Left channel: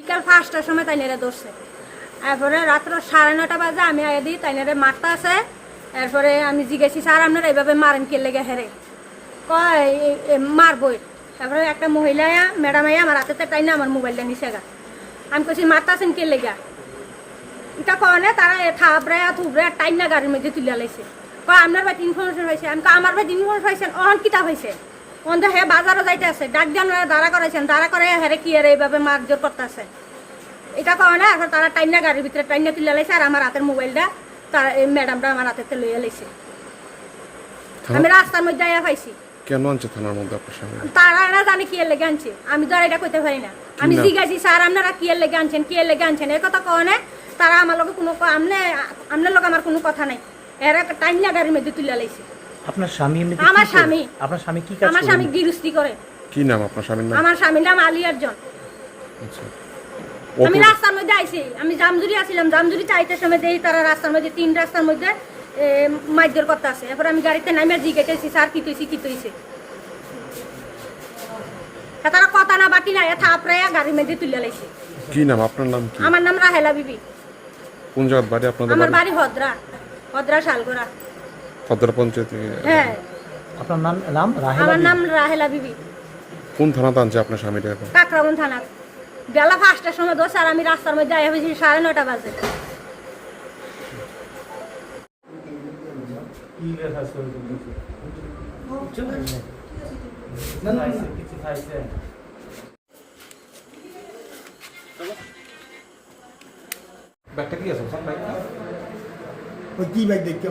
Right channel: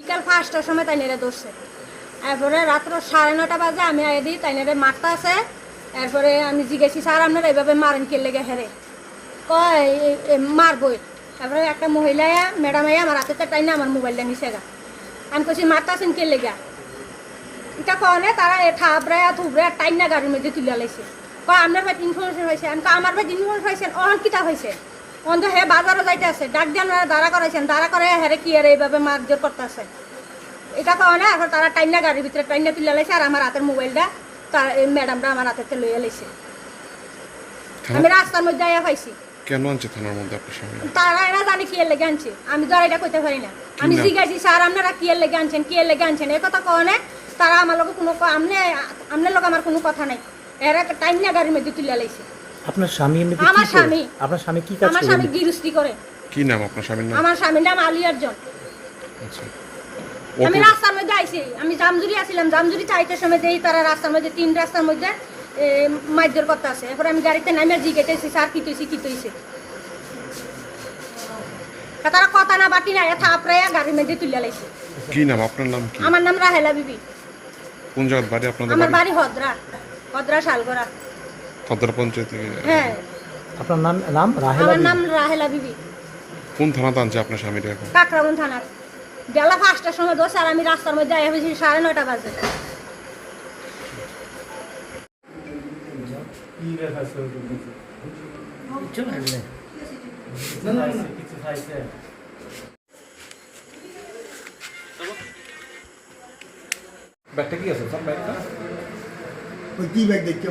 বিকাল 5টার সময় তাইনেরে ধরছে। এরপরে রাত্র 9:30 বাজে আমি আগে দিই তাইনেরে মারতে আছে। এরপরে আমি জিজ্ঞেসি স্যার আপনারা এইভাবে মারেন কে লেগে হেরে কয় মারবই। তারপরে একটা মহিলা ম্যাডাম আমার হাতে টাইনা আমার মোবাইলটা নিচে গা। আমি কইছি মারতাছেন কে লেগা এটা কনে তারা থাবড়ে থুবড়ে টাইনা গাড়ির মধ্যে তুলে লাইছে। কয় আপনার ভাই ইনফরমেশন পাইছে। আমি আমার ভাই ইনফরমেশন পাইছেন অন কিতা হয়েছে অন্ধ হে বাজারও যাইতে আছে ডাক দেন দাঁড়া করাইছেন দাঁড়া করে হেরে কি আর এইভাবে মারধর করতেছে এটা কনে। এখন তারা টাইনা গাড়ির ভিতরে টাইনা তুলে লাইছে আর আমার হাতের মোবাইলটা তারা এই ম্যাডামটা আমার হাতে লইয়া লাইছে। আমি রাস্তার মধ্যে আয়া পাইছি। কেন আনছে থানার মধ্যে আপনার সামনে? তারা না জানে কি এর লেগে আনছে আমি তো আর এটা কইতে পারি না। আমি জিজ্ঞাসি স্যার আপনারা কি এর লেগে আনছেন কি এর লেগে আনছেন এই কথা কনে। তারা আমার লোক কোনো আপনার লোক আমার কোনো কথা নাই এরা টাইনা গাড়ির মধ্যে তুলে লাইছে। আপনার স্বামী এমনি আমার স্বামী আপনার স্বামী কি কাজ করে? আমার স্বামী গৃহস্থী করে। কি নাম আপনার স্বামীর নাম? আমার স্বামীর নাম আলী আরজন। আচ্ছা আমি রাস্তার মধ্যে আইছি আমি জামজুরি আছিলাম জামজুরি 4টার সময় দেই তারা রাস্তার মধ্যে 3 রাস্তার মধ্যে মাইদর করতে আছে। এরপর আমি গাড়িতে নামে জিজ্ঞেসি স্যার কি তৈছে তারা কথা না বাটি না থাপড়ে গাড়ির মধ্যে তুলে লাইছে। কি নাম আপনার নাম কি? আমার নাম রাহেলা বিবি। কোন জায়গার বাড়ি আপনাদের? আমার বাড়ি হদ্রা শালগড়া। হদ্রা পঞ্চায়েত? হ্যাঁ। আপনার নাম রাহেলা? আমার নাম রাহেলা বিবি। কোন থানাতে আনছে আপনার স্বামীটা এখন? কাকরাবন থানা। বেলা 5টার সময় দোষ আর আমি রাস্তার মধ্যে আয়া হয়েছি 9:30 বাজে। ব্যাগটা কি আছে স্যার? ব্যাগটা কি ব্যাগ দেখছো?